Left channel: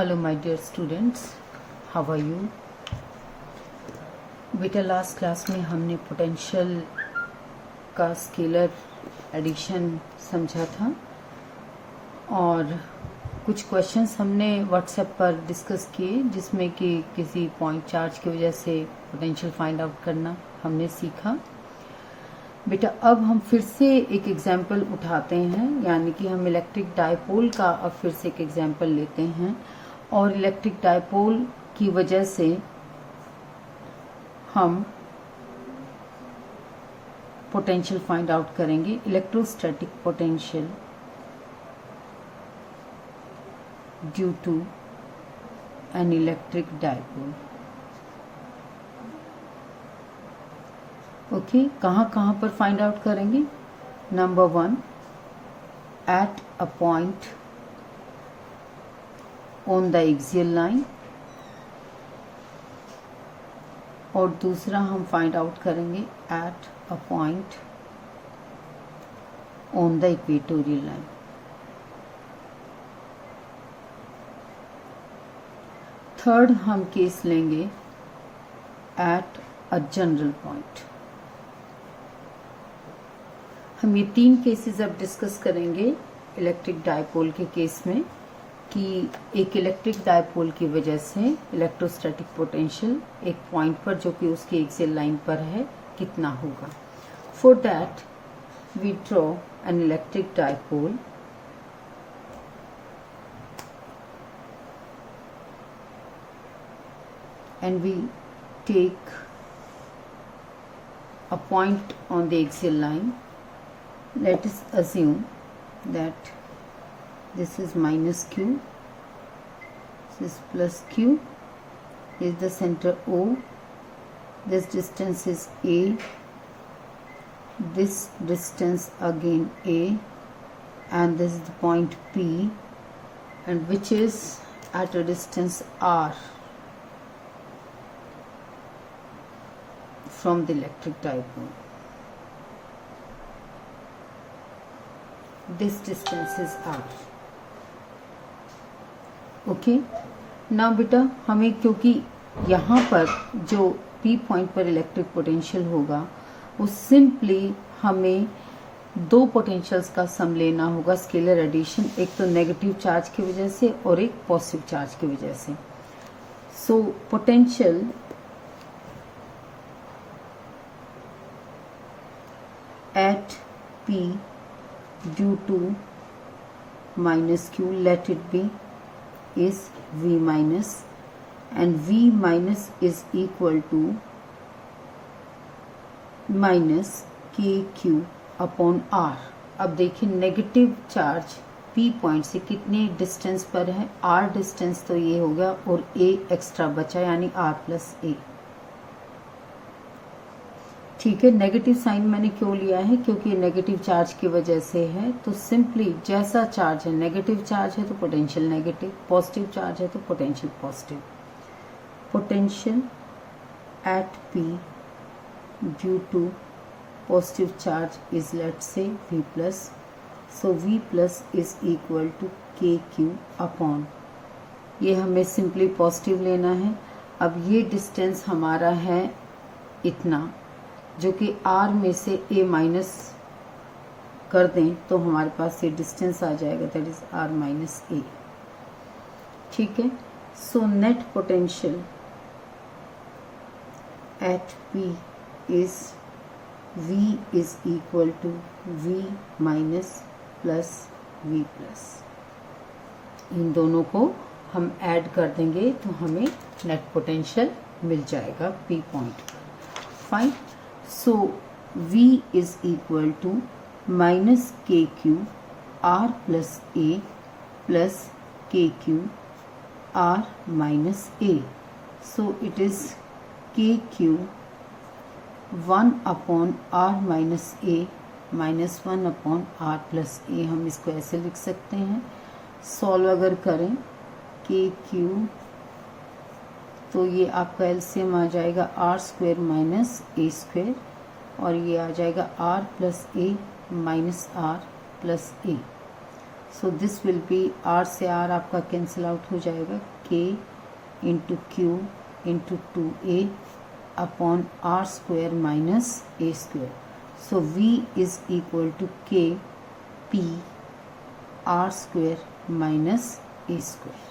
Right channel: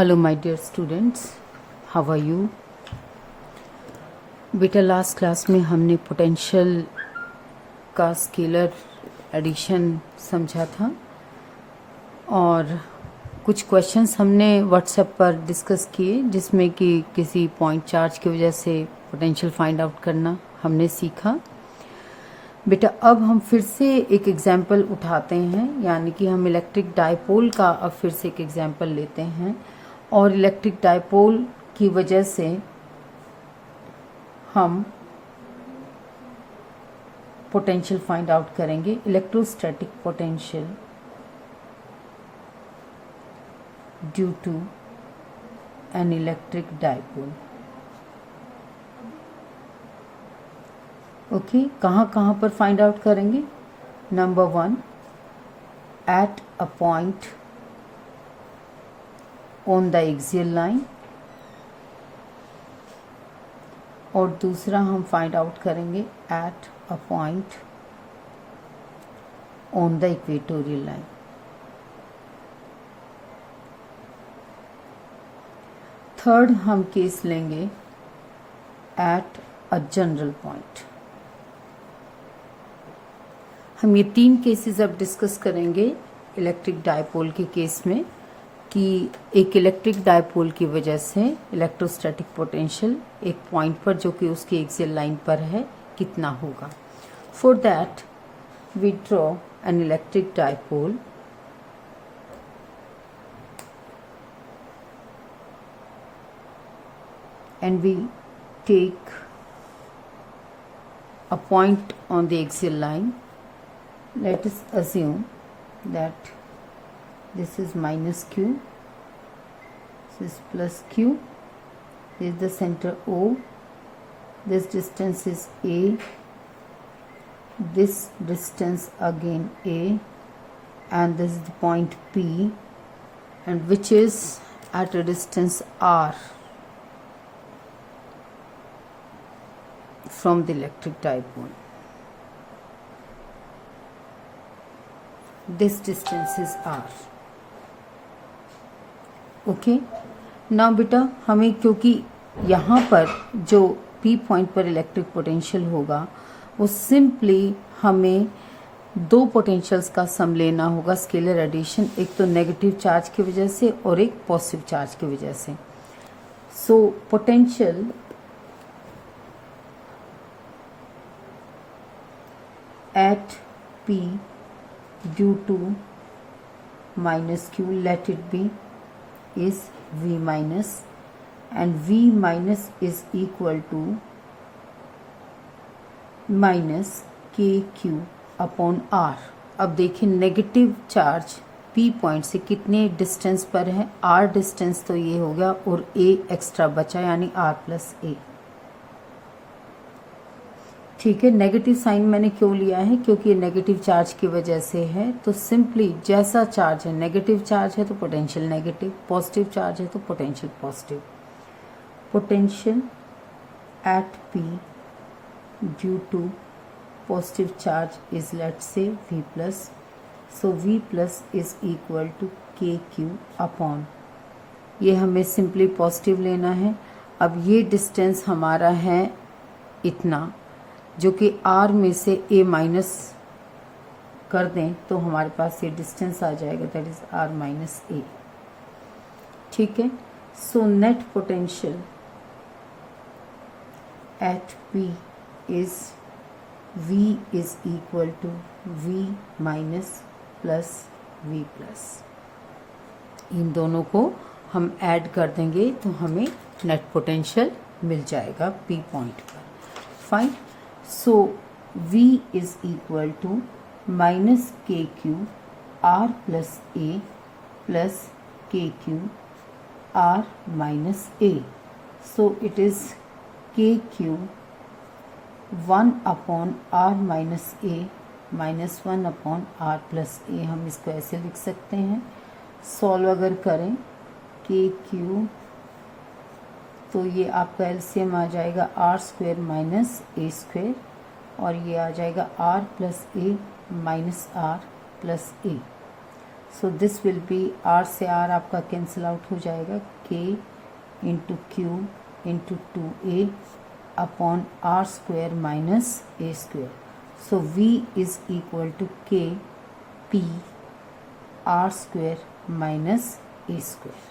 Hello my dear students, how are you. बेटा last class में हमने पोटेंशियल का स्केलर एडिशन समझा था और कुछ क्वेश्चंस हमने व्हाट्सएप पर डिस्कस किए जिसमें कि किसी पॉइंट चार्ज की वजह से पोटेंशियल फाइंड आउट करना हमने सीखा। बेटा अब हम फिर से एक एग्जाम्पल उठाते हैं, यानी कि हम इलेक्ट्रिक डायपोल का अब फिर से एक एग्जाम्पल लेते हैं और इलेक्ट्रिक डायपोल की वजह से हम पोटेंशियल फाइंड आउट करेंगे। Electrostatic potential due to an electric dipole. Okay, कहाँ पर फाइंड आउट करेंगे। Number 1 at a point on the axial line, और दूसरा हम फाइंड आउट करेंगे at a point on the equatorial line. Third हम case लेंगे एट अ जनरल पॉइंट। हम ये 3 केसेस अब डिस्कस करेंगे इलेक्ट्रिक डायपोल के केस में कि एक इलेक्ट्रिक डायपोल की वजह से इलेक्ट्रोस्टैटिक पोटेंशियल एक पॉइंट पर जो कि उसकी एक्सियल लाइन पर है कितना होगा। For that we draw an electric dipole and we take a point on the axial line. Let us assume that this is minus q, this is plus q, this is the center O, this distance is a, this distance again a, and this is the point P, and which is at a distance r from the electric dipole. This distance is r. Okay. now बेटा हमें, क्योंकि यहाँ पर जो P point पर electric potential होगा वो simply हमें 2 पोटेंशियल्स का सम लेना होगा, स्केलर एडिशन, एक तो नेगेटिव चार्ज की वजह से और एक पॉजिटिव चार्ज की वजह से। So potential at P due to minus Q, let it be, is V minus, and V minus is equal to minus KQ upon R। अब देखिए नेगेटिव चार्ज P पॉइंट से कितने डिस्टेंस पर है, R distance तो ये हो गया और A एक्स्ट्रा बचा यानी R प्लस A। ठीक है, नेगेटिव साइन मैंने क्यों लिया है, क्योंकि नेगेटिव चार्ज की वजह से है। तो सिंपली जैसा चार्ज है, नेगेटिव चार्ज है तो पोटेंशियल नेगेटिव, पॉजिटिव चार्ज है तो potential positive. Potential at P due to positive charge is let say V plus, so V plus is equal to KQ upon, ये हमें सिंपली पॉजिटिव लेना है। अब ये डिस्टेंस हमारा है इतना, जो कि R में से A माइनस कर दें तो हमारे पास ये डिस्टेंस आ जाएगा, that is R minus A। ठीक है, so net potential at P is V is equal to V minus plus V plus. इन दोनों को हम ऐड कर देंगे तो हमें नेट पोटेंशियल मिल जाएगा P पॉइंट पर। Fine, so V is equal to minus KQ R plus A plus KQ R minus A. So it is KQ 1 upon R minus A minus 1 upon R plus A। हम इसको ऐसे लिख सकते हैं। Solve अगर करें KQ तो ये आपका एलसीएम आ जाएगा R square minus A square, और ये आ जाएगा R plus A minus R plus A। So this will be R से आर आपका कैंसिल आउट हो जाएगा, K into Q into 2a upon R square minus A square. So v is equal to K P R square minus A square.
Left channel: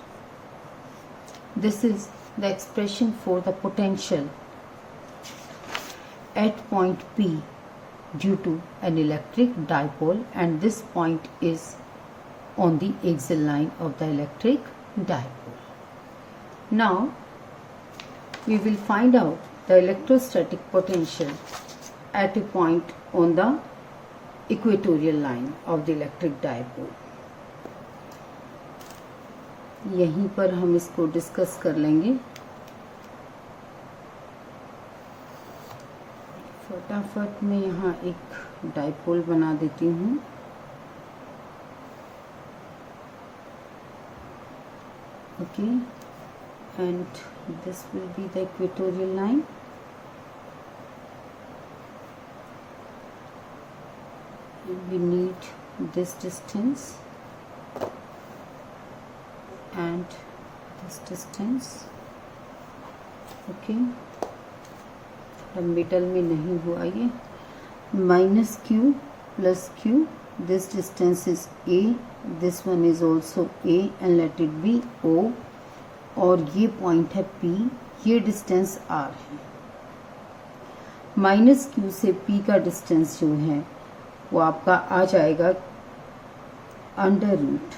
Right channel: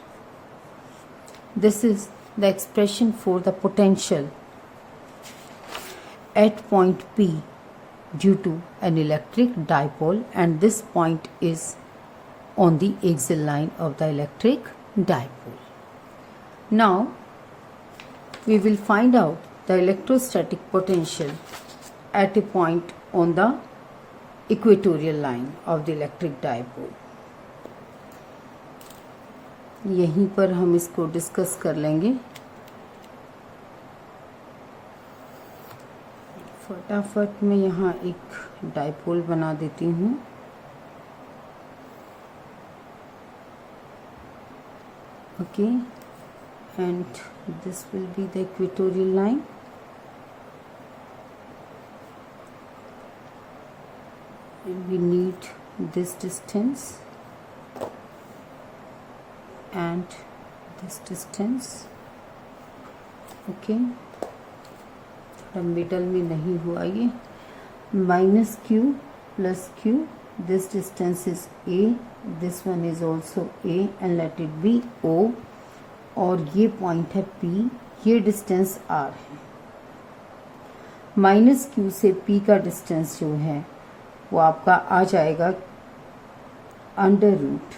This is the expression for the potential at point P due to an electric dipole, and this point is on the axial line of the electric dipole. Now we will find out the electrostatic potential at a point on the equatorial line of the electric dipole. यहीं पर हम इसको discuss कर लेंगे. फटाफट मैं यहाँ एक डाइपोल बना देती हूँ. Okay, and this will be the equatorial line. We need this distance and this distance. Okay, middle में नहीं हुआ ये. Minus Q plus Q, this distance is A, this one is also A and let it be O. और ये point है P, ये distance R है. Minus Q से पी का डिस्टेंस जो है वो आपका आ जाएगा under root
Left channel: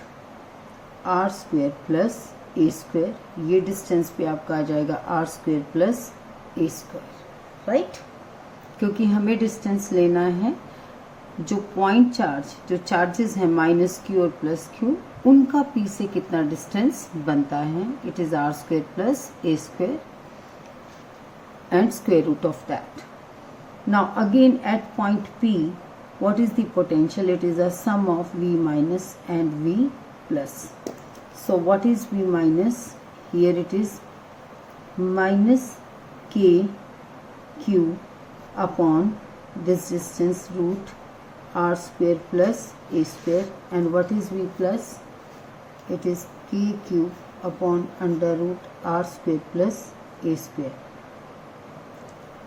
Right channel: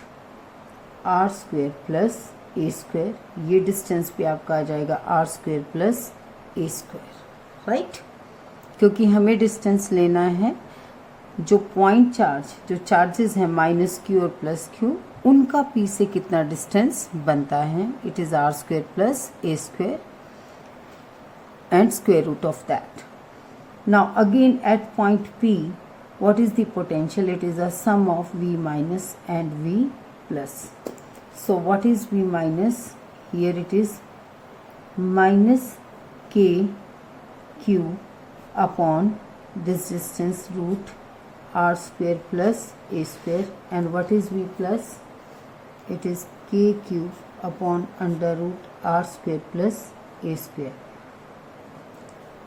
R square plus A square. ये डिस्टेंस पे आपका आ जाएगा R square plus A square, right. क्योंकि हमें डिस्टेंस लेना है जो पॉइंट चार्ज, जो चार्जेस हैं माइनस क्यू और प्लस क्यू, उनका पी से कितना डिस्टेंस बनता है. It is R square plus A square and square root of that. Now again at point P, what is the potential? It is a sum of V minus and V plus. So what is V minus? Here it is minus K Q upon this distance root R square plus A square. And what is V plus? It is K Q upon under root R square plus A square.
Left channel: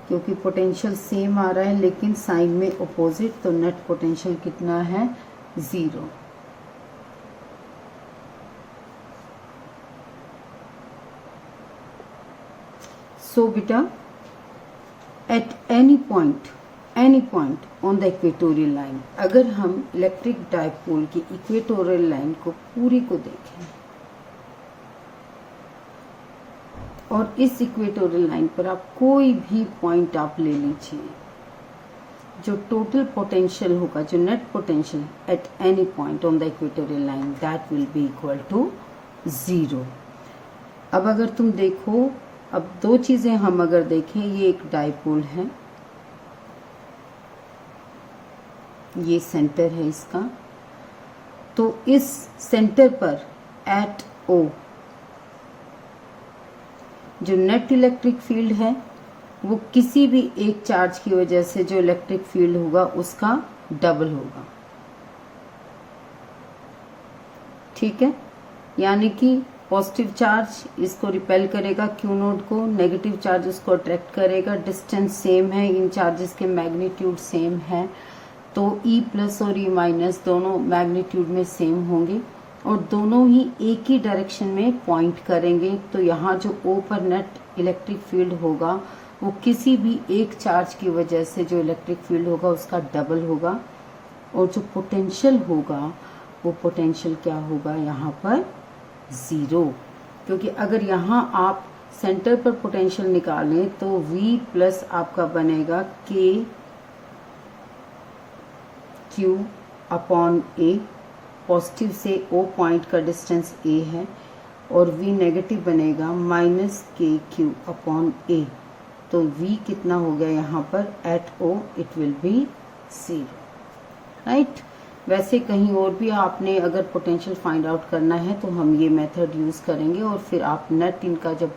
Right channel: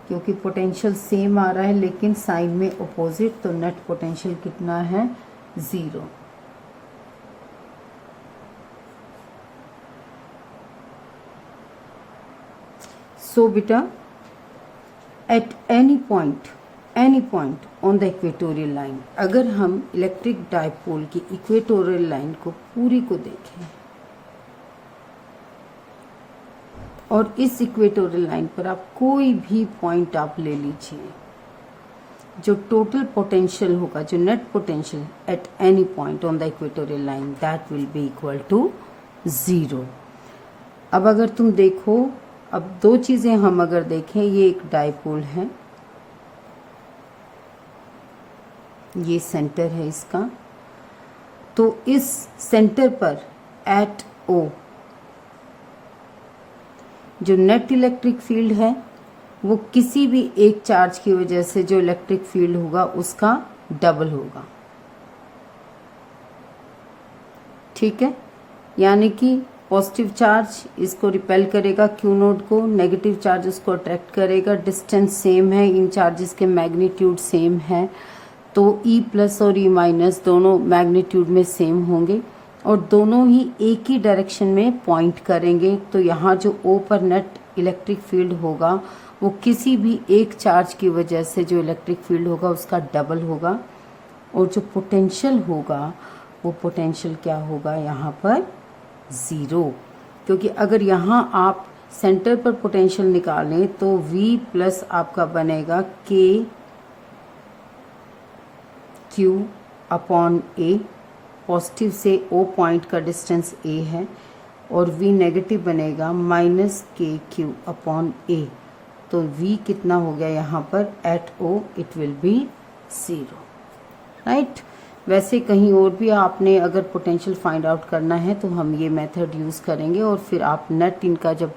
क्योंकि potential same आ रहा है लेकिन sign में opposite, तो net potential कितना है, 0. सो बेटा eight any point on the equatorial line, अगर हम इलेक्ट्रिक डाइपोल की इक्वेटोरियल लाइन को पूरी को देखें और इस इक्वेटोरियल लाइन पर आप कोई भी पॉइंट आप ले लीजिए, जो टोटल पोटेंशियल होगा, जो net potential at any point on the equatorial line, that will be equal to 0. अब अगर तुम देखो, अब दो चीजें हम अगर देखें, ये एक डाइपोल है, ये सेंटर है इसका, तो इस सेंटर पर एट ओ जो नेट इलेक्ट्रिक फील्ड है वो किसी भी एक चार्ज की वजह से जो इलेक्ट्रिक फील्ड होगा उसका डबल होगा. ठीक है, यानी कि पॉजिटिव चार्ज इसको रिपेल करेगा क्यू नोड को, नेगेटिव चार्ज इसको अट्रैक्ट करेगा. डिस्टेंस सेम है, इन चार्जेस के मैग्नीट्यूड सेम है, तो ई प्लस और ई माइनस दोनों मैग्नीट्यूड में सेम होंगे और दोनों ही एक ही डायरेक्शन में पॉइंट करेंगे. तो यहाँ जो ओ पर नेट इलेक्ट्रिक फील्ड होगा वो किसी भी एक चार्ज की वजह से जो इलेक्ट्रिक फील्ड होगा उसका डबल होगा. और जो पोटेंशियल होगा वो पोटेंशियल क्या होगा यहाँ पर, 0. क्योंकि अगर यहाँ आप सेंटर पर पोटेंशियल निकालें तो V प्लस आपका बनेगा के क्यू अपॉन ए. पॉजिटिव से ओ पॉइंट का डिस्टेंस ए है और V नेगेटिव बनेगा minus K Q upon A. तो V कितना हो गया यहाँ पर, at O it will be 0, right. वैसे कहीं और भी आपने अगर पोटेंशियल फाइंड आउट करना है तो हम ये मेथड यूज करेंगे और फिर आप नेट इनका जब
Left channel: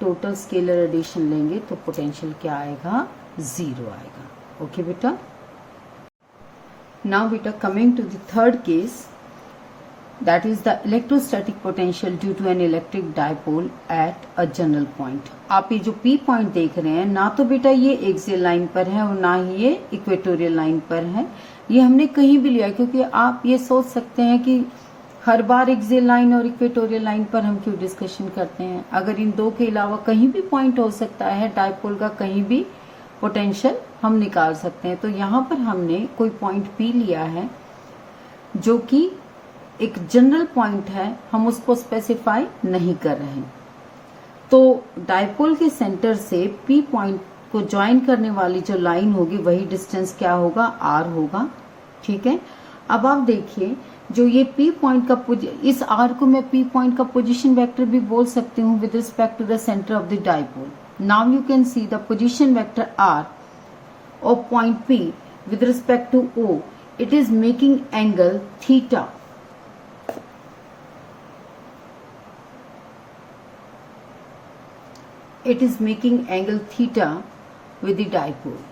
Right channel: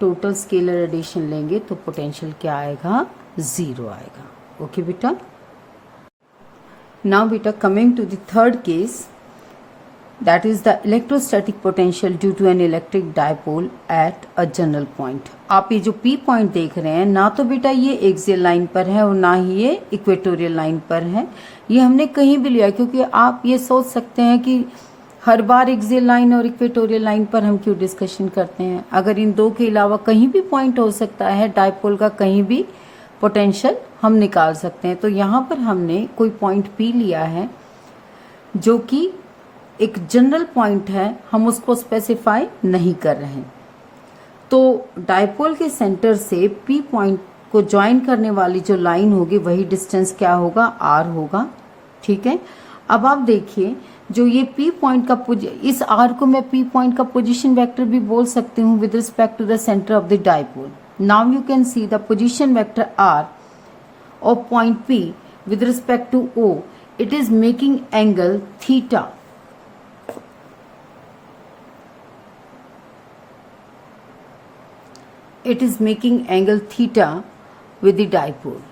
टोटल स्केलर एडिशन लेंगे तो पोटेंशियल क्या आएगा, 0 आएगा. ओके बेटा. नाउ बेटा coming to the third case, that is the electrostatic potential due to an electric dipole at a general point. आप ये जो P पॉइंट देख रहे हैं, ना तो बेटा ये एक्सियल लाइन पर है और ना ही ये इक्वेटोरियल लाइन पर है, ये हमने कहीं भी लिया, क्योंकि आप ये सोच सकते हैं कि हर बार एक्सियल लाइन और इक्वेटोरियल लाइन पर हम क्यों डिस्कशन करते हैं। अगर इन दो के अलावा कहीं भी पॉइंट हो सकता है डायपोल का, कहीं भी पोटेंशियल हम निकाल सकते हैं। तो यहाँ पर हमने कोई पॉइंट P लिया है जो कि एक जनरल पॉइंट है, हम उसको स्पेसिफाई नहीं कर रहे हैं। तो डायपोल के सेंटर से P पॉइंट को ज्वाइन करने वाली जो लाइन होगी वही डिस्टेंस क्या होगा, R होगा। ठीक है, अब आप देखिए जो ये P पॉइंट का इस R को मैं P पॉइंट का पोजीशन वेक्टर भी बोल सकती हूँ with respect to the centre of the dipole. Now you can see the position vector R of point P with respect to O, it is making angle theta. It is making angle theta with the dipole.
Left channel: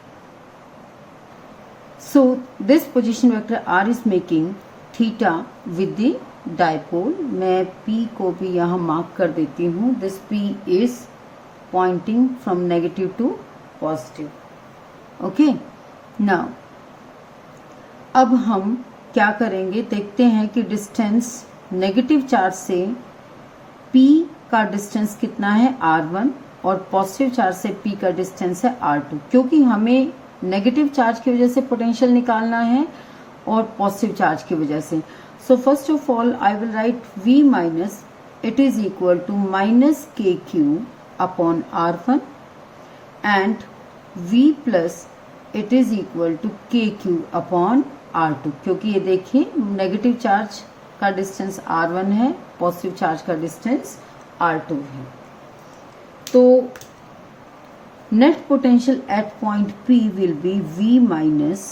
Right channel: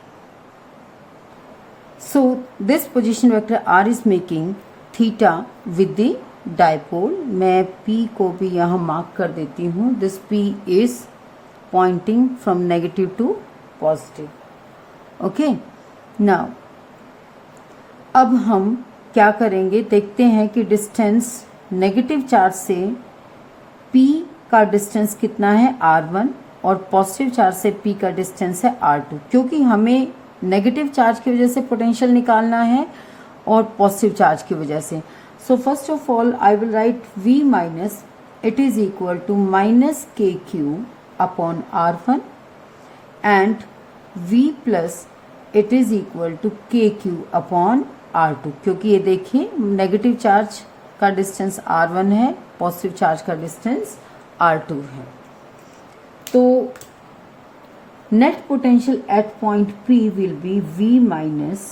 So this position vector R is making theta with the dipole. मैं P को भी यहाँ mark कर देती हूँ. This P is pointing from negative to positive. Okay, now अब हम क्या करेंगे, देखते हैं कि डिस्टेंस नेगेटिव चार्ज से P का डिस्टेंस कितना है R1 और पॉजिटिव चार्ज से P का डिस्टेंस है R2, क्योंकि हमें नेगेटिव चार्ज की वजह से पोटेंशियल निकालना है और पॉजिटिव चार्ज की वजह से। So first of all I will write V minus it is equal to minus KQ upon R1 and V plus it is equal to KQ upon R2, क्योंकि ये देखिए नेगेटिव चार्ज का distance R1 है, positive charge का distance R2 है। तो net potential eight point P will be V minus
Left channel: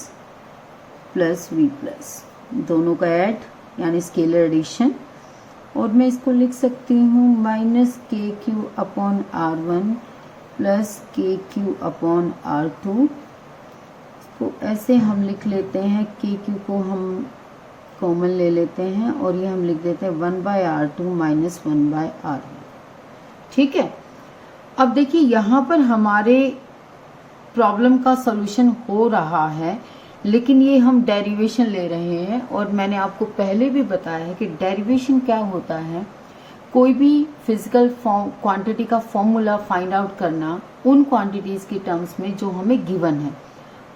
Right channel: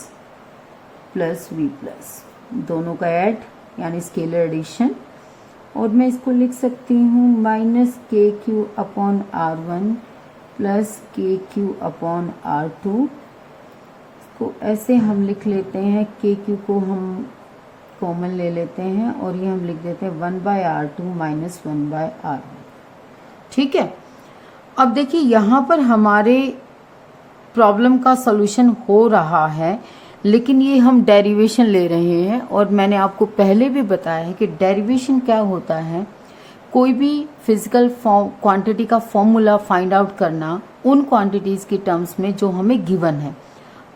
plus V plus, दोनों का ऐड यानी स्केलर एडिशन, और मैं इसको लिख सकती हूँ minus KQ upon R1 plus KQ upon R2। तो ऐसे हम लिख लेते हैं, KQ को हम कॉमन ले लेते हैं और ये हम लिख देते हैं 1/R2 माइनस 1/R1। ठीक है, अब देखिए यहाँ पर हमारे प्रॉब्लम का सॉल्यूशन हो रहा है, लेकिन ये हम डेरिवेशन ले रहे हैं और मैंने आपको पहले भी बताया है कि डेरिवेशन क्या होता है, कोई भी फिजिकल क्वांटिटी का फॉर्मूला फाइंड आउट करना उन क्वांटिटीज की टर्म्स में जो हमें गिवन है।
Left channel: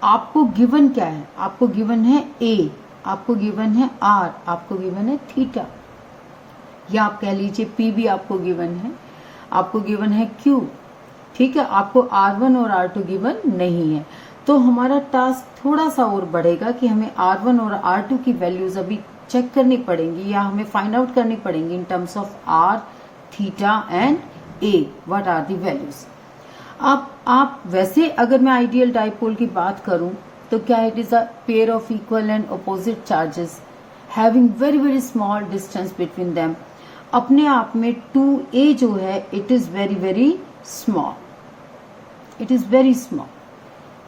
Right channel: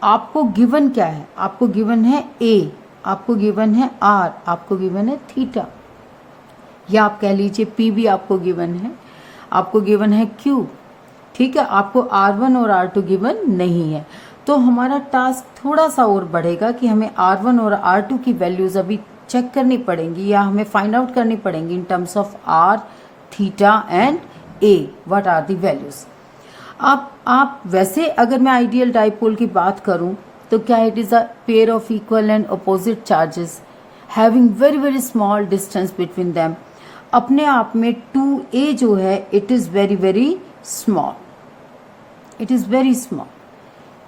आपको गिवन क्या है, आपको गिवन है A, आपको गिवन है R, आपको गिवन है थीटा, या आप कह लीजिए P भी आपको गिवन है, आपको गिवन है Q। ठीक है, आपको R1 और R2 गिवन नहीं है। तो हमारा टास्क थोड़ा सा और बढ़ेगा कि हमें R1 और R2 की वैल्यूज अभी चेक करनी पड़ेंगी या हमें फाइंड आउट करनी पड़ेंगी in terms of R, theta and A, what are the values. आप वैसे अगर मैं आइडियल डाइपोल की बात करूं तो क्या it is a pair of equal and opposite charges having very very small distance between them. अपने आप में 2A जो है it is very very small, it is very small.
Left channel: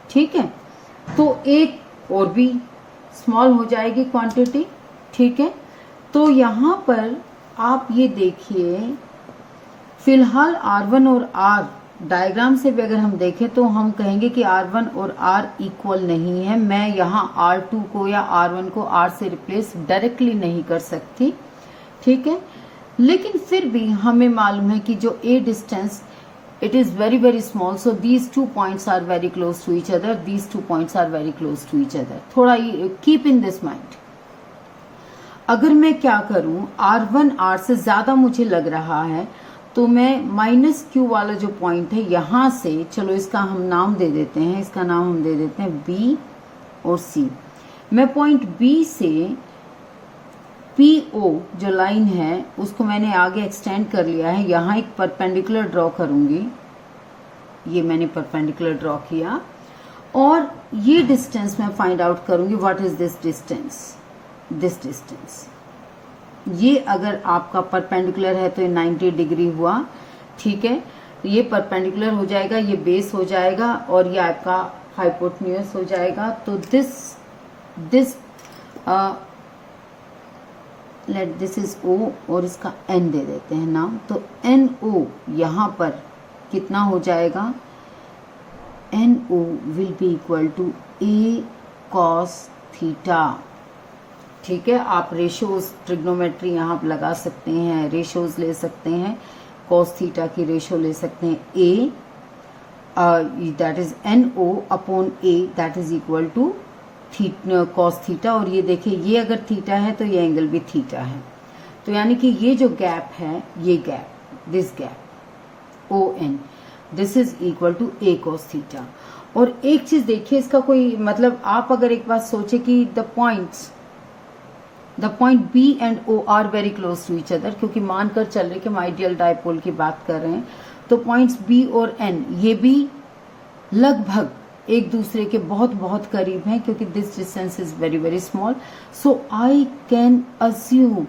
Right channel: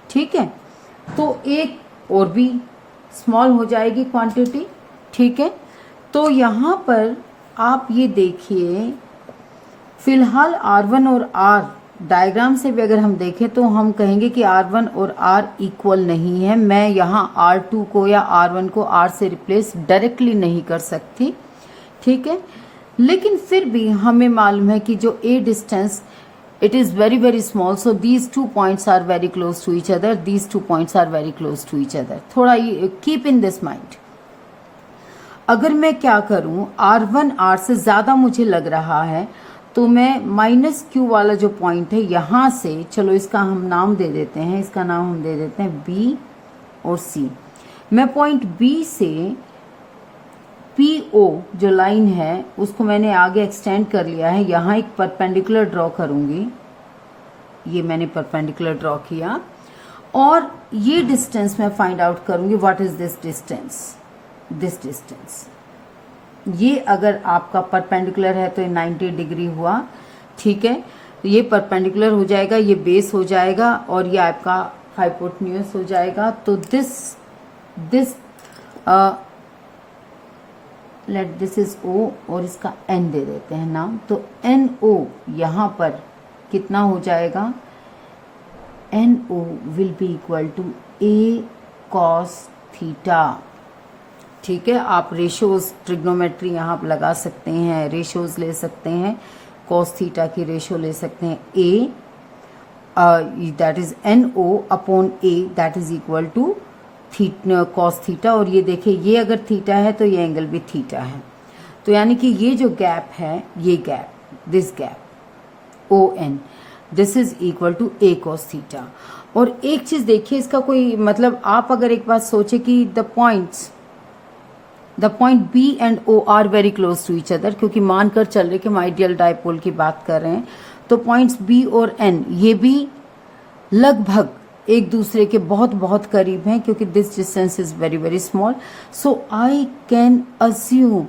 ठीक है, तो एक और भी स्मॉल हो जाएगी क्वांटिटी। ठीक है, तो यहां पर आप ये देखिए, फिलहाल R1 और R डायग्राम से भी अगर हम देखें तो हम कहेंगे कि R1 और R इक्वल नहीं है। मैं यहाँ R2 को या R1 को R से रिप्लेस डायरेक्टली नहीं कर सकती। ठीक है, लेकिन फिर भी हमें मालूम है कि जो A distance it is very very small, so these 2 points are very close to each other, these 2 points are very close to each other। थोड़ा keep in this mind। अगर मैं क्या करूं, R1 R से ज्यादा मुझे लग रहा है तो मैं माइनस Q वाला जो पॉइंट है यहां से, चलो इसका हम नाम दे देते हैं, इसका नाम हम दे देते हैं B और C। मैं पॉइंट B से PO जो लाइन है उसको मैंने आगे एक्सटेंड कर लिया है, यहाँ एक परपेंडिकुलर ड्रॉ करूंगी, ये मैंने परपेंडिकुलर ड्रॉ किया और ये डिस्टेंस मैं फाइंड आउट करूंगी what is this distance, this distance. ये अगर आपका परपेंडिकुलर है तो ये 90 डिग्री हुआ। ठीक है, ये परपेंडिकुलर हो जाएगा, ये बेस हो जाएगा और ये आपका हाइपोटेन्यूज हो जाएगा। तो this let this is O और इसका N दे देते हैं नाम, तो NO यहाँ पर कितना हो जाएगा, NO will be equal to A cos theta. ठीक है, आप रेशियोज ट्रिग्नोमेट्री यहाँ पर लगा सकते हैं, रेशियोज ले सकते हैं, cos थीटा की रेशियो ले सकते हैं A that is NO upon A that is equal to cos theta. और ये देखिए, ये अगर थीटा है तो ये एंगल भी थीटा है, तो यानी कि ये जो गैप है, ये gap, this gap ON, this is equal to A cos theta. और एक चीज देखिए, इसका कोई मतलब, आप अगर एक बात सोचे कि the point B and O are very close to each other, क्योंकि मानकर चल रहे कि हम आइडियल डायपोल की बात कर रहे हैं, तो पॉइंट्स B और N ये भी लगभग एक दूसरे के बहुत बहुत करीब हैं, क्योंकि this distance is very very small. So I can assume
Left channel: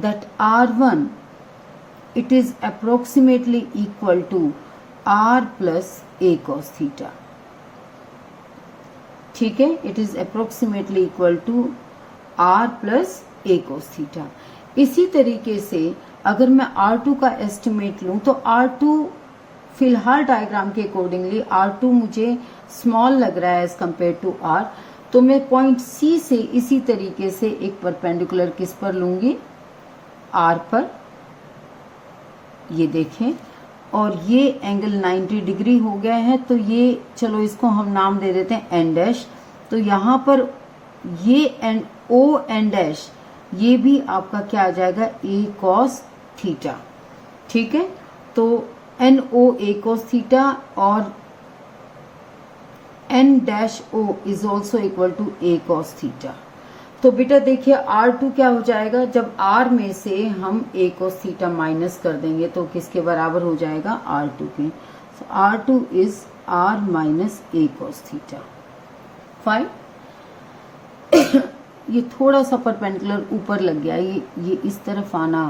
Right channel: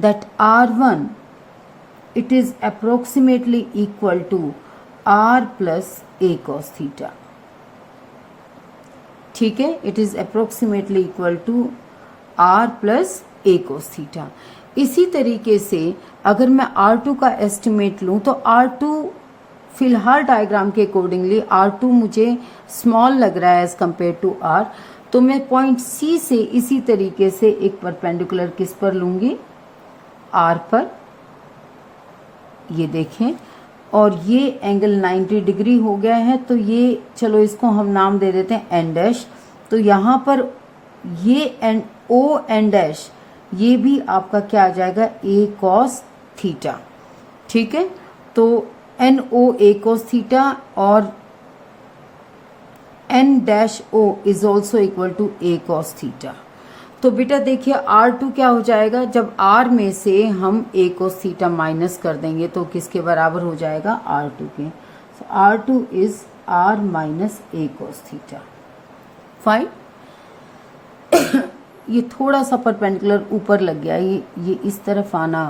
that R1 it is approximately equal to R plus A cos theta. ठीक है, it is approximately equal to R plus A cos theta. इसी तरीके से अगर मैं R2 का estimate लूं, तो R2 फिलहाल डायग्राम के अकॉर्डिंगली R2 मुझे स्मॉल लग रहा है एज कंपेयर टू R, तो मैं पॉइंट C से इसी तरीके से एक परपेंडिकुलर किस पर लूंगी, R पर, ये देखें, और ये एंगल 90 डिग्री हो गया है, तो ये चलो इसको हम नाम दे देते हैं N डैश। तो यहाँ पर ये O N डैश, ये भी आपका क्या आ जाएगा, A cos थीटा। ठीक है, तो NO A cos थीटा और N dash O is also equal to A cos theta. तो बेटा देखिए, R2 क्या हो जाएगा, जब R में से हम A cos थीटा माइनस कर देंगे तो किसके बराबर हो जाएगा, R2 के। so R2 is R minus A cos theta. Fine. ये थोड़ा सा परपेंडिकुलर ऊपर लग गया, ये इस तरफ आना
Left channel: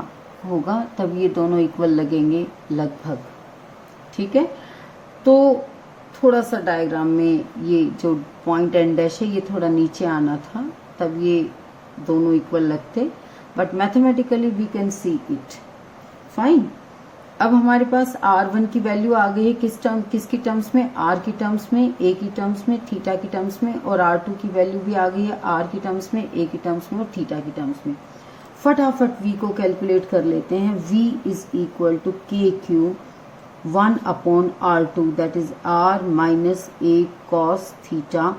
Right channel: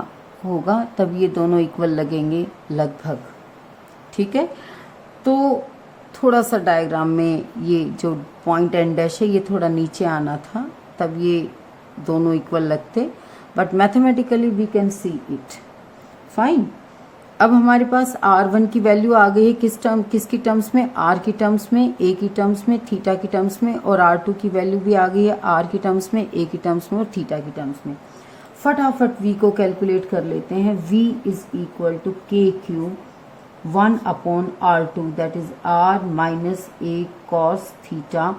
होगा, तब ये दोनों इक्वल लगेंगे लगभग। ठीक है, तो थोड़ा सा डायग्राम में ये जो पॉइंट N डैश है, ये थोड़ा नीचे आना था, तब ये दोनों इक्वल लगते, but mathematically we can see it. Fine. अब हमारे पास R1 की वैल्यू आ गई है किसकी टर्म्स में, R की टर्म्स में, A की टर्म्स में, थीटा की टर्म्स में, और R2 की वैल्यू भी आ गई है R की टर्म्स में, A की टर्म्स में और थीटा की टर्म्स में। फटाफट V को कैलकुलेट कर लेते हैं। V is equal to KQ 1 upon R2 that is R minus A cos theta,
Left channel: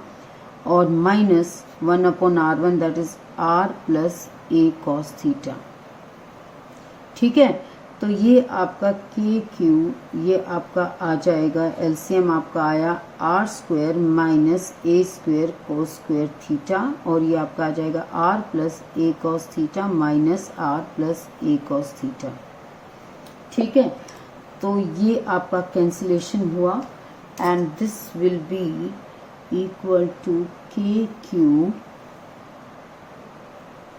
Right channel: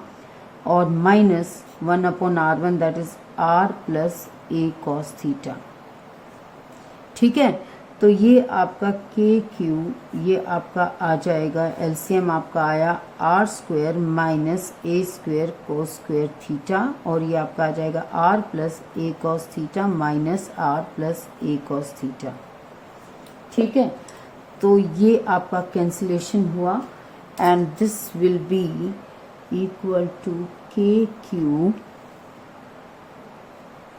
और minus 1 upon R1 that is R plus A cos theta. ठीक है, तो ये आपका KQ, ये आपका आ जाएगा, एलसीएम आपका आया R square minus A square cos square theta, और ये आपका आ जाएगा R plus A cos theta minus R plus A cos theta. ठीक है, तो ये आपका कैंसिलेशन हुआ, and this will be equal to KQ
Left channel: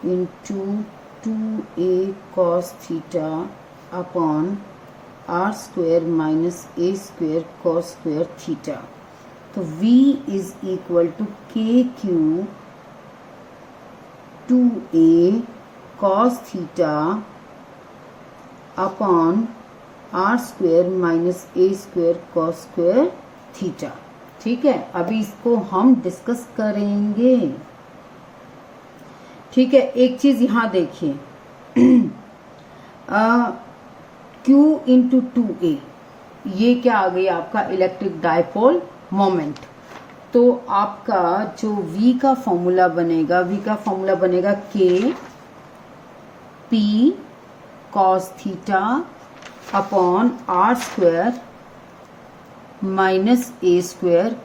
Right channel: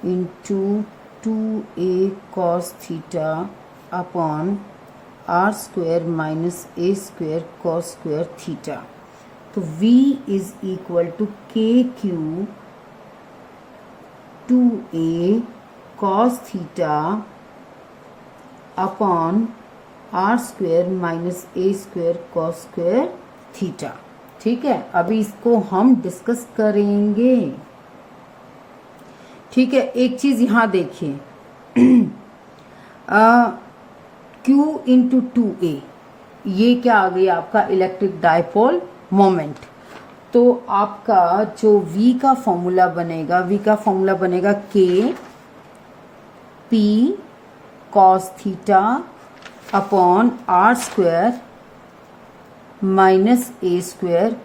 into 2A cos theta upon R square minus A square cos square theta. तो V is equal to KQ 2A cos theta upon R square minus A square cos square theta. ठीक है, अभी इसको हम discuss करेंगे। ठीक है, एक चीज यहां देखिए, Q इंटू 2A, ये क्या आ गई आपका इलेक्ट्रिक डायपोल मोमेंट। तो आपका जो V का फॉर्मूला बनेगा, K P cos theta upon R square minus A square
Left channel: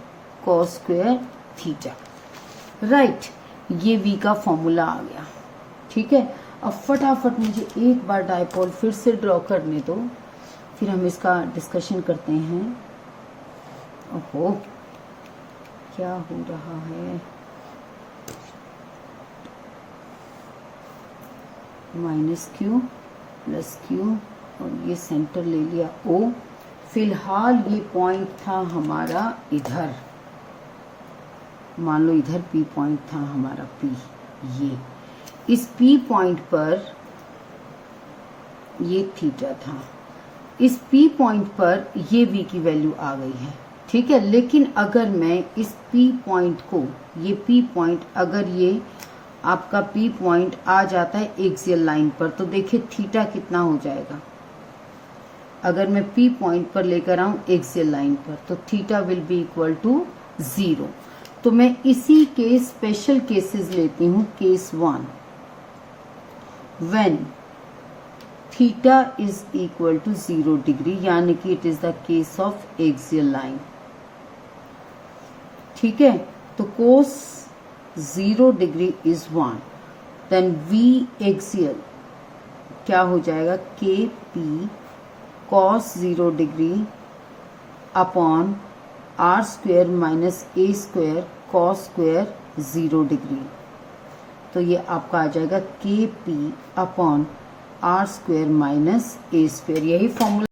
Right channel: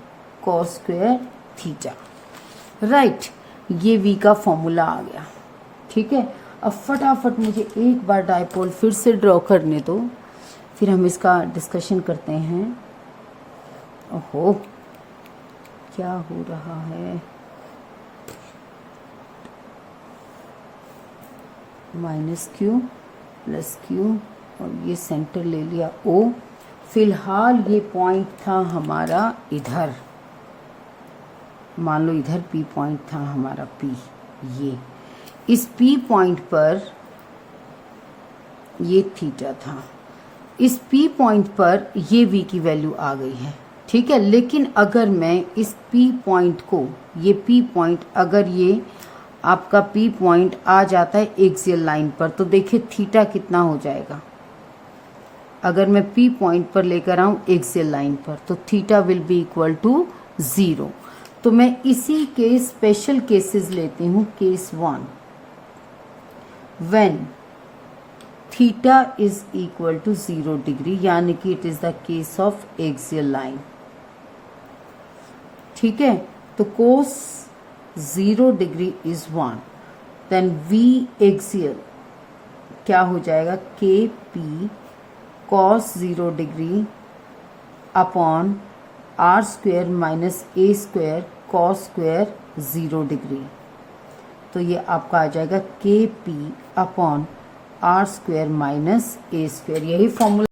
cos square theta. Right, ये V का फॉर्मूला आ गया। ठीक है, अब फटाफट मुझे एक बार डायपोल फिर से ड्रॉ करने दो, फिर हम इसका डिस्कशन करते हैं। ओहो, क्या हो रहा है, माइनस Q प्लस Q, और ये सेंटर ले लिया O। फिलहाल ये पॉइंट था हमारा इधर, मान लो इधर P पॉइंट था हमारा P, ये इस P पॉइंट पर ये थीटा था। इस P पॉइंट पर ये V की वैल्यू आ गई है, ठीक है। लेकिन अगर मैं इस P पॉइंट को, ये P पॉइंट, अगर ये आपका P पॉइंट आ जाता है एक्सियल लाइन पर, तो देखिए थीटा कितना हो जाएगा। अगर मैं P पॉइंट पर लेकर आऊं एक्सियल लाइन पर, तो theta will be equal to 0। तो मैं इसी के स्पेशल केसेस लेती हूं। Case 1, when theta is equal to 0 degree, यानी कि it is the case of axial line, ठीक है। तो cos 0 degree is 1, then V axial क्या हो जाएगा, KP cos 0 degree upon R square minus A square cos square 0 degree. तो ये आपका आ जाएगा KP upon R square minus A square, यही फॉर्मूला।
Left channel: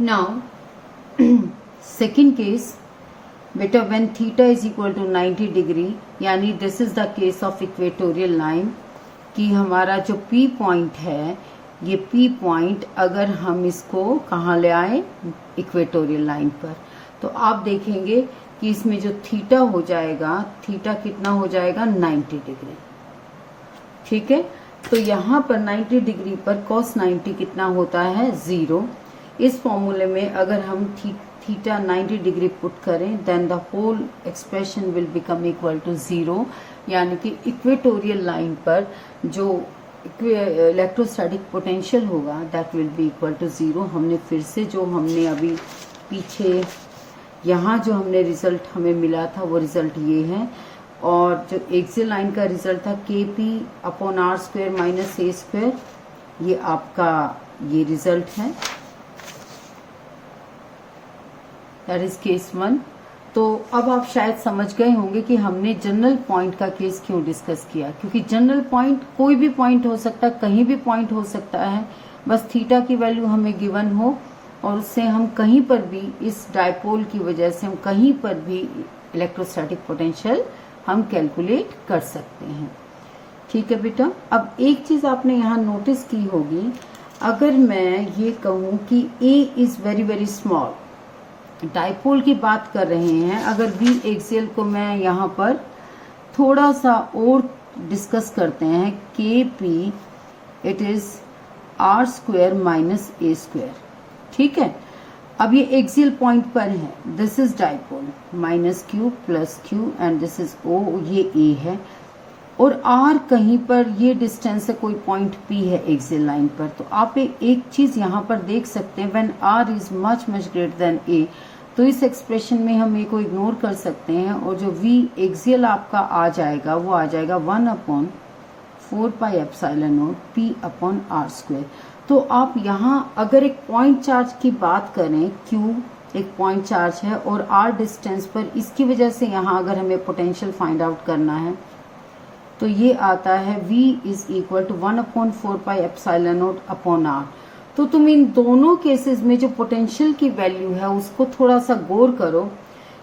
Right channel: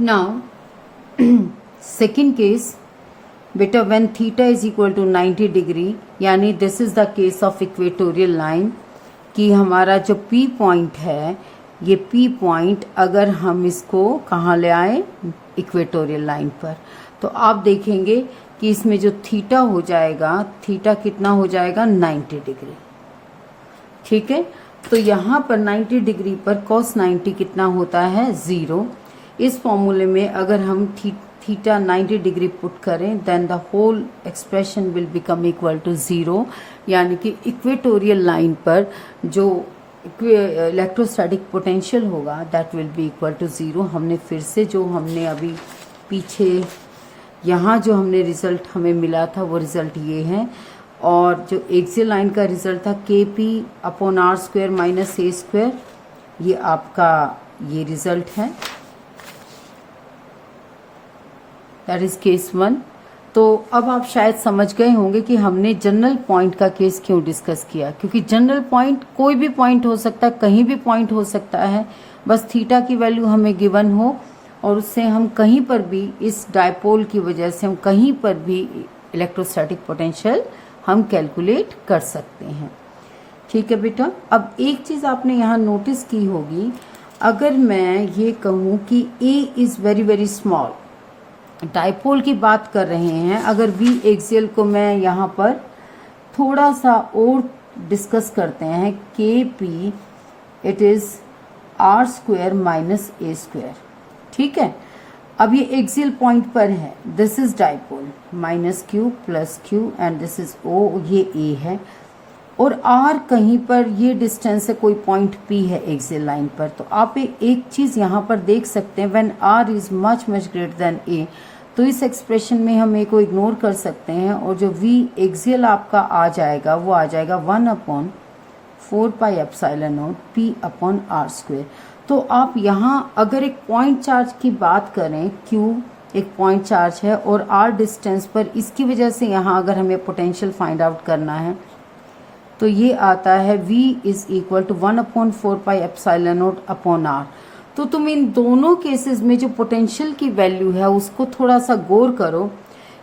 नाउ सेकेंड केस, बेटा when theta is equal to 90 degree, यानी this is the case of equatorial line, कि हमारा जो P पॉइंट है, ये P पॉइंट अगर हम इसको कहाँ ले आए, इक्वेटोरियल लाइन पर, तो आप देखेंगे कि इसमें जो थीटा हो जाएगा, थीटा कितना हो जाएगा, 90 डिग्री, ठीक है। तो यहाँ पर 90 डिग्री पर cos 90 कितना होता है, 0। इस फॉर्मूले में अगर हम थीटा 90 डिग्री पुट करें, then the whole expression will become equal to 0, यानी कि इक्वेटोरियल लाइन पर जो इलेक्ट्रोस्टैटिक पोटेंशियल होगा that will be equal to 0। हमने फिर से जो हमने अभी पीछे यहाँ जो हमने रिजल्ट हमें मिला था वो रिजल्ट ये है, और जो एक्सियल लाइन का रिजल्ट था KP upon R square minus A square, ये आपका ये रिजल्ट है, दैट इज केस 1। तो अब आप शायद समझ गए होंगे कि हमने जनरल पॉइंट का केस क्यों डिस्कस किया, क्योंकि जनरल पॉइंट कोई भी पॉइंट हो सकता है, कहीं भी पॉइंट हो सकता है, बस थीटा की वैल्यू हमें गिवन हो और उससे हम कहीं पर भी, इस डायपोल की वजह से हम कहीं पर भी इलेक्ट्रोस्टैटिक पोटेंशियल हम कैलकुलेट कर सकते हैं, ठीक है बेटा। अब एक चीज आपने यहाँ नोटिस की होगी, अगर मैं ये कहूँ कि A is very very small, dipole की बात कर रहे हैं, अगर V एक्सियल को मैं यहाँ पर थोड़ा सा और डिस्कस करते हैं, KP it is R square minus A square, ठीक है। अब ये एक्सियल पॉइंट पर है, this is dipole, minus Q plus Q and this is O, ये A है, और R कहीं पर ये डिस्टेंस है, कोई पॉइंट P है एक्सियल लाइन पर। तो आप एक चीज यहाँ पर देख सकते हैं, when R is much much greater than A, तो इस एक्सप्रेशन में हम A को इग्नोर कर सकते हैं, और जो V एक्सियल आपका आ जाएगा वो आ जाएगा 1/4 pi epsilon not P upon R square. तो आप यहाँ अगर एक पॉइंट चार्ज की बात करें, Q एक पॉइंट चार्ज है और R डिस्टेंस पर, इसकी वजह से यहाँ अगर हमें पोटेंशियल फाइंड आउट करना है, तो ये आता है V is equal to 1/4 pi epsilon naught upon R। तो तुम इन दोनों केसेस में जो पोटेंशियल की वैल्यू है उसको थोड़ा सा गौर करो,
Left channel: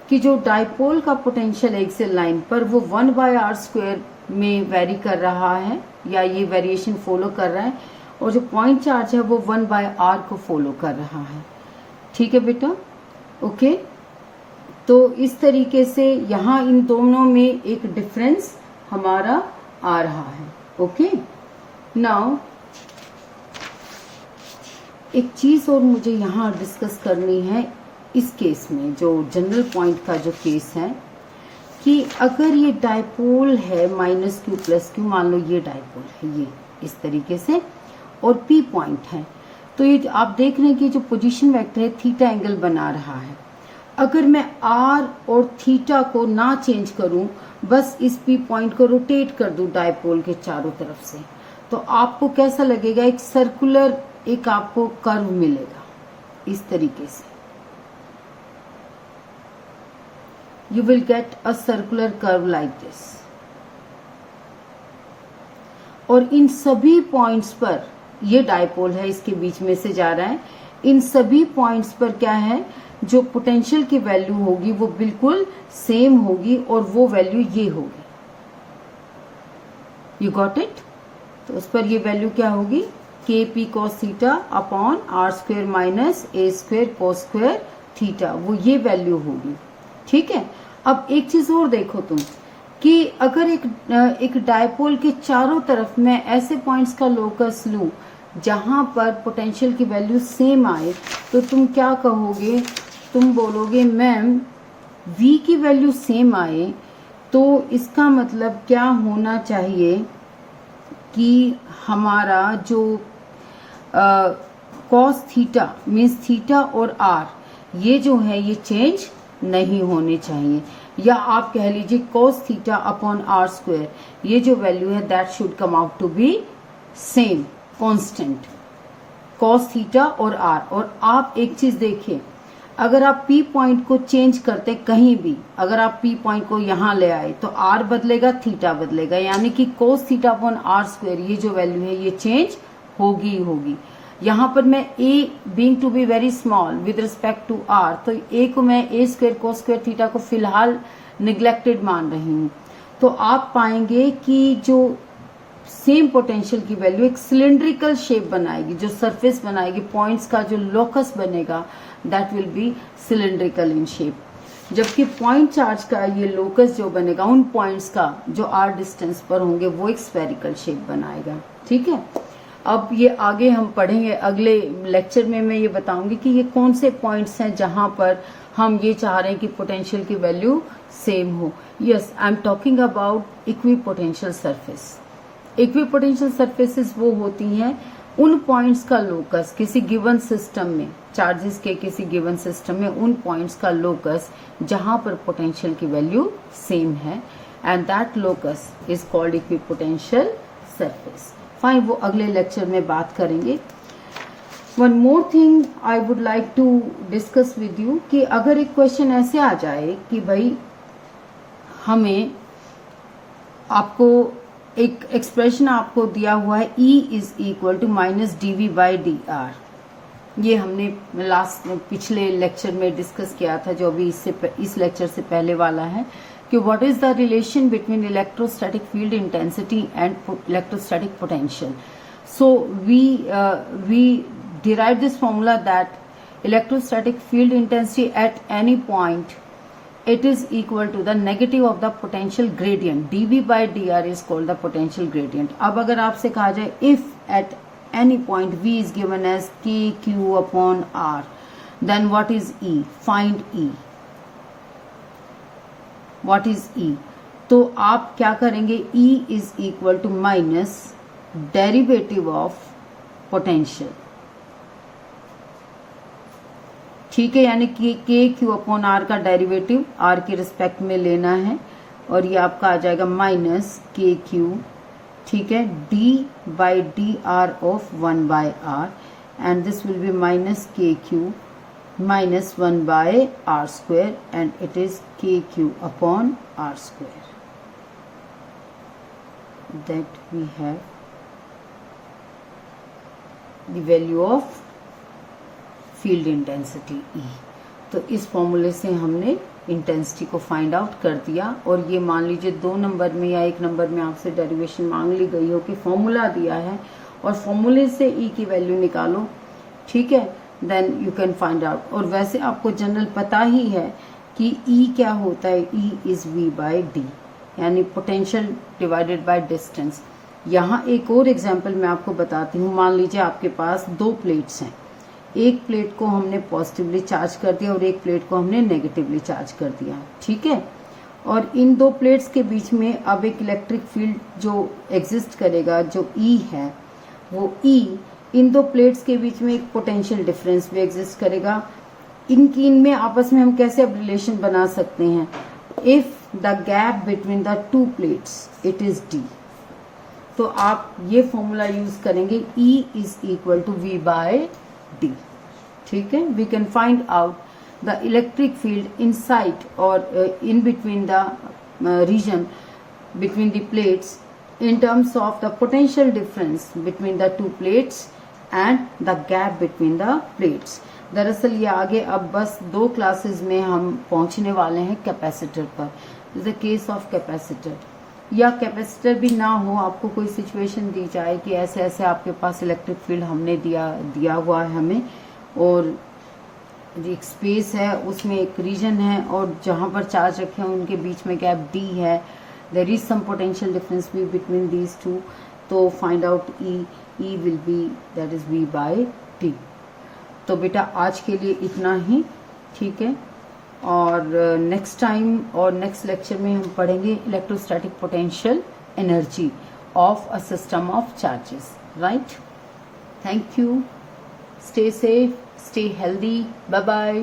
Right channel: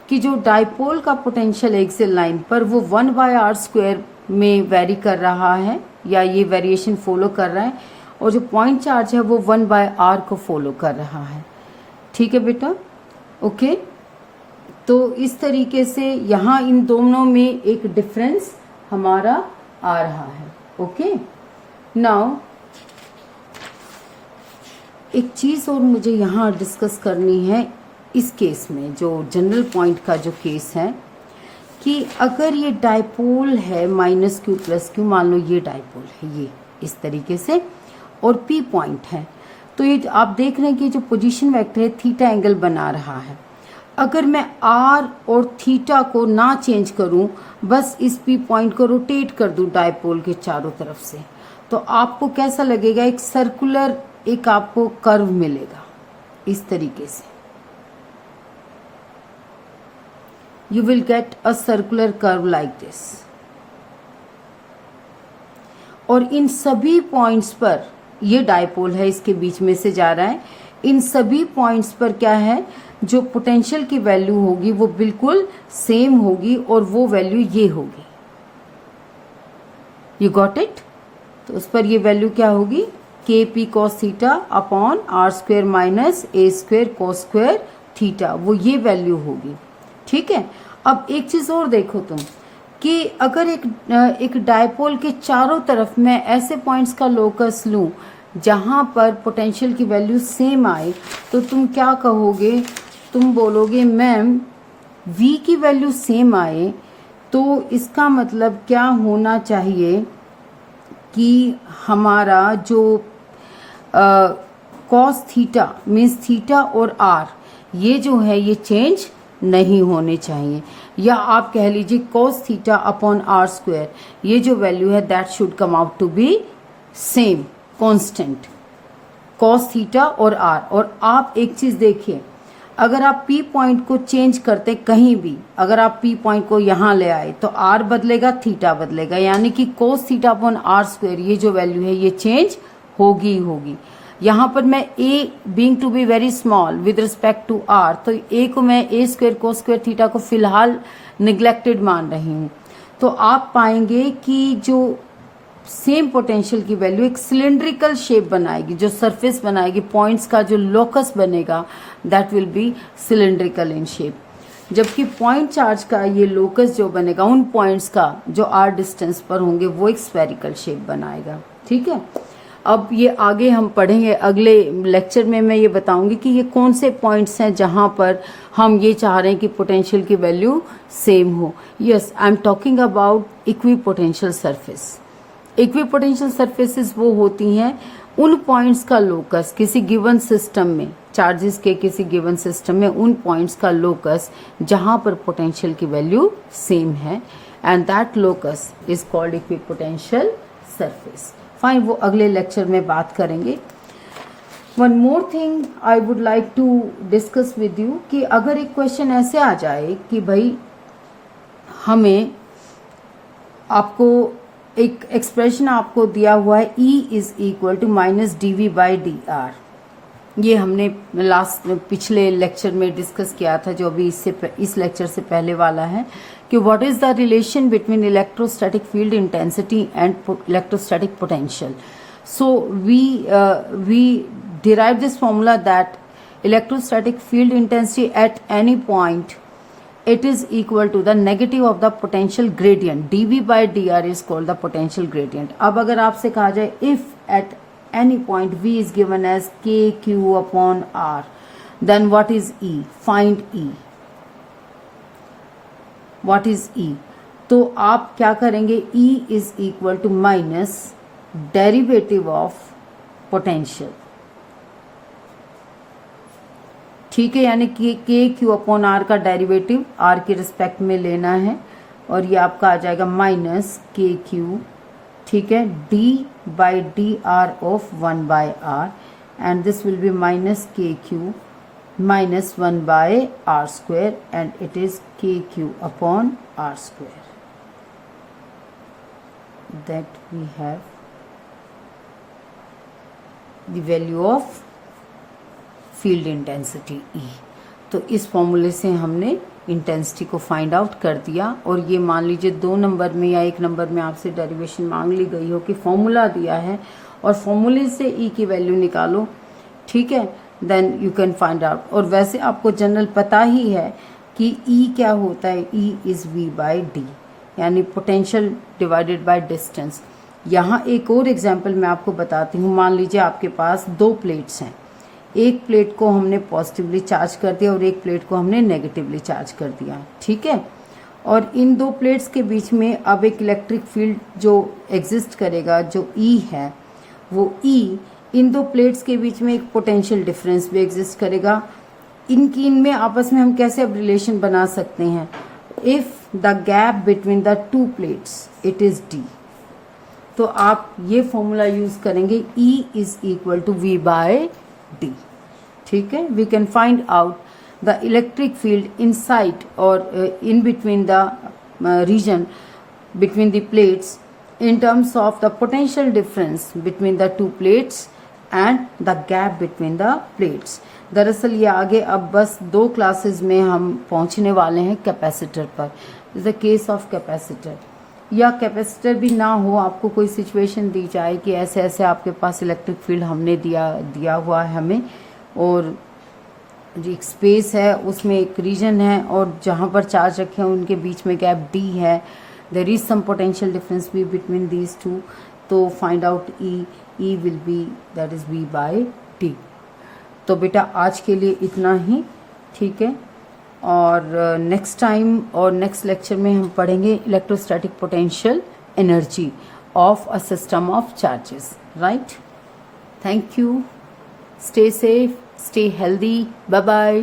कि जो डायपोल का पोटेंशियल एक्सियल लाइन पर वो 1/r स्क्वायर में वेरी कर रहा है, या ये वेरिएशन फॉलो कर रहा है, और जो पॉइंट चार्ज है वो 1/r को फॉलो कर रहा है, ठीक है बेटा, ओके। तो इस तरीके से यहाँ इन दोनों में एक डिफरेंस हमारा आ रहा है, ओके। नाउ एक चीज और मुझे यहाँ डिस्कस करनी है इस केस में, जो जनरल पॉइंट का जो केस है, कि अगर ये डायपोल है माइनस Q प्लस Q, मान लो ये डायपोल है, ये इस तरीके से, और P पॉइंट है, तो ये आप देख रहे हैं कि जो पोजीशन वेक्टर है थीटा एंगल बना रहा है। अगर मैं R और थीटा को ना चेंज करूं, बस इस P पॉइंट को रोटेट कर दूं डायपोल के चारों तरफ से, तो आपको कैसा लगेगा, एक सर्कुलर एक आपको कर्व मिलेगा इस तरीके से, you will get a circular curve like this. और इन सभी पॉइंट्स पर, ये डायपोल है, इसके बीच में से जा रहा है, इन सभी पॉइंट्स पर क्या है, जो पोटेंशियल की वैल्यू होगी वो बिल्कुल सेम होगी, और वो वैल्यू ये होगी, यू गॉट इट। तो उस पर ये वैल्यू क्या होगी, K P cos theta upon R square minus A square cos square theta, वो ये वैल्यू होगी। ठीक है, अब एक चीज और देखो तुम कि अगर एक डायपोल के चारों तरफ मैं ऐसे पॉइंट्स का लोकस लूं जहां पर पोटेंशियल की वैल्यू सेम आए, तो तुम क्या कहोगे? तुम बोलोगे मैम V की वैल्यू सेम आए तो इसका मतलब क्या होना चाहिए कि हमारा जो कॉस थीटा मीन्स थीटा और आर ये जो है ये चेंज नहीं होने चाहिए, या आप कह लीजिए cos theta upon R square ये जो वैल्यू है that should come out to be same constant cos theta और आर। और आप एक चीज देखिए, अगर आप P पॉइंट को चेंज करते कहीं भी, अगर आप P पॉइंट को यहां ले आए तो R बदलेगा, थीटा बदलेगा, यानी कि cos theta upon R square ये जो वैल्यू है ये चेंज होगी होगी। यहां पर मैं A being to be very small with respect to R, तो A को मैं A square cos square theta को फिलहाल निग्लेक्टेड मान रही हूं। तो आप पाएंगे कि जो सेम पोटेंशियल की वैल्यू एक सिलिंड्रिकल शेप बनाएगी, जो सरफेस बनाएगी, पॉइंट्स का जो लोकस बनेगा that will B cylindrical in shape, जबकि पॉइंट चार्ज का ये लोकस जो बनेगा उन पॉइंट्स का जो आर डिस्टेंस पर होंगे वो एक स्फेरिकल शेप बनाएगा। ठीक है, अब ये आगे हम पढ़ेंगे, अगले लेक्चर में मैं ये बताऊंगी कि ये कौन से पॉइंट्स हैं जहां पर हम ये चाह रहे हैं कि पोटेंशियल की वैल्यू सेम हो। Yes, I am talking about equipotential surface. Equipotential surfaces वो होती हैं उन पॉइंट्स का लोकस किसी गिवन सिस्टम में, चार्जेस के किसी गिवन सिस्टम में उन पॉइंट्स का लोकस जहां पर पोटेंशियल की वैल्यू सेम है, and that locus is called equipotential surface. Fine, वो अगले लेक्चर में बात करेंगे। One more thing I would like to discuss with you कि अगर एक क्वेश्चन ऐसे आ जाए कि भाई हमें आपको एक एक्सप्रेशन आपको दिया हुआ है E is equal to minus dv by D R, ये हमने पिछले लेक्चर में डिस्कस किया था, जो अभी इस लेक्चर से पहले वाला है, कि what is the relation between electrostatic field intensity and electrostatic potential. So we derive this formula that electrostatic field intensity at any point it is equal to the negative of the potential gradient, dv by dr is called the potential gradient। अब अगर आपसे कहा जाए if at any point v is given as k q upon r, then what is E? Find E। what is E? तो आप क्या करेंगे? E is equal to minus derivative of potential, ठीक है, यानी कि के क्यू अपॉन आर का डेरिवेटिव आर के रिस्पेक्ट में लेना है, और ये आपका आ जाएगा माइनस के क्यू, ठीक है, D by D R of 1 by R, and this will be minus K Q minus 1 by R square, and it is K Q upon R square, that we have the value of field intensity E। तो इस फॉर्मूले से हमने intensity को find out कर दिया, और ये मान लीजिए 2 नंबर में या 1 नंबर में आपसे डेरिवेशन मांग ली गई हो कि फॉर्मूला दिया है और फॉर्मूले से E की वैल्यू निकालो, ठीक है, then you can find out. और वैसे आपको जनरल पता ही है कि E क्या होता है, E is V by D, यानी पोटेंशियल डिवाइडेड बाय डिस्टेंस। यहाँ एक और एग्जाम्पल मैं आपको बताती हूँ। मान लीजिए आपके पास 2 प्लेट्स हैं, एक प्लेट को हमने पॉजिटिवली चार्ज कर दिया और एक प्लेट को हमने नेगेटिवली चार्ज कर दिया, ठीक है, और इन 2 प्लेट्स के बीच में अब एक इलेक्ट्रिक फील्ड जो एग्जिस्ट करेगा, जो E है, वो E इन 2 प्लेट्स के बीच में एक पोटेंशियल डिफरेंस भी एग्जिस्ट करेगा। इनमें आपस में हम कैसे अब रिलेशन बना सकते हैं? If the gap between the 2 plates it is D, तो आप ये फॉर्मूला यूज करेंगे, E is equal to V by D, ठीक है। We can find out the electric field inside और in between the region between the plates in terms of the potential difference between the 2 plates and the gap between the plates। दरअसल ये आगे अब बस 2 classes में हम पहुंचने वाले हैं कैपेसिटर पर। Is the case of capacitor, या कैपेसिटर भी ना हो, आपको कोई सिचुएशन दी जाए कि ऐसे ऐसे आपके पास इलेक्ट्रिक फील्ड हमने दिया हुआ है हमें, और एक स्पेस है उसमें एक रीजन है और जहाँ पर चार्ज रखे हैं उनके बीच में गैप डी है, there is some potential difference B between these two, तो find out E will be that is B by T. तो बेटा आज के लिए इतना ही, ठीक है, और नेक्स्ट टाइम और नेक्स्ट लेक्चर में हम पढ़ेंगे electrostatic potential energy of a system of charges, right. Thank you, stay safe, stay healthy, bye bye।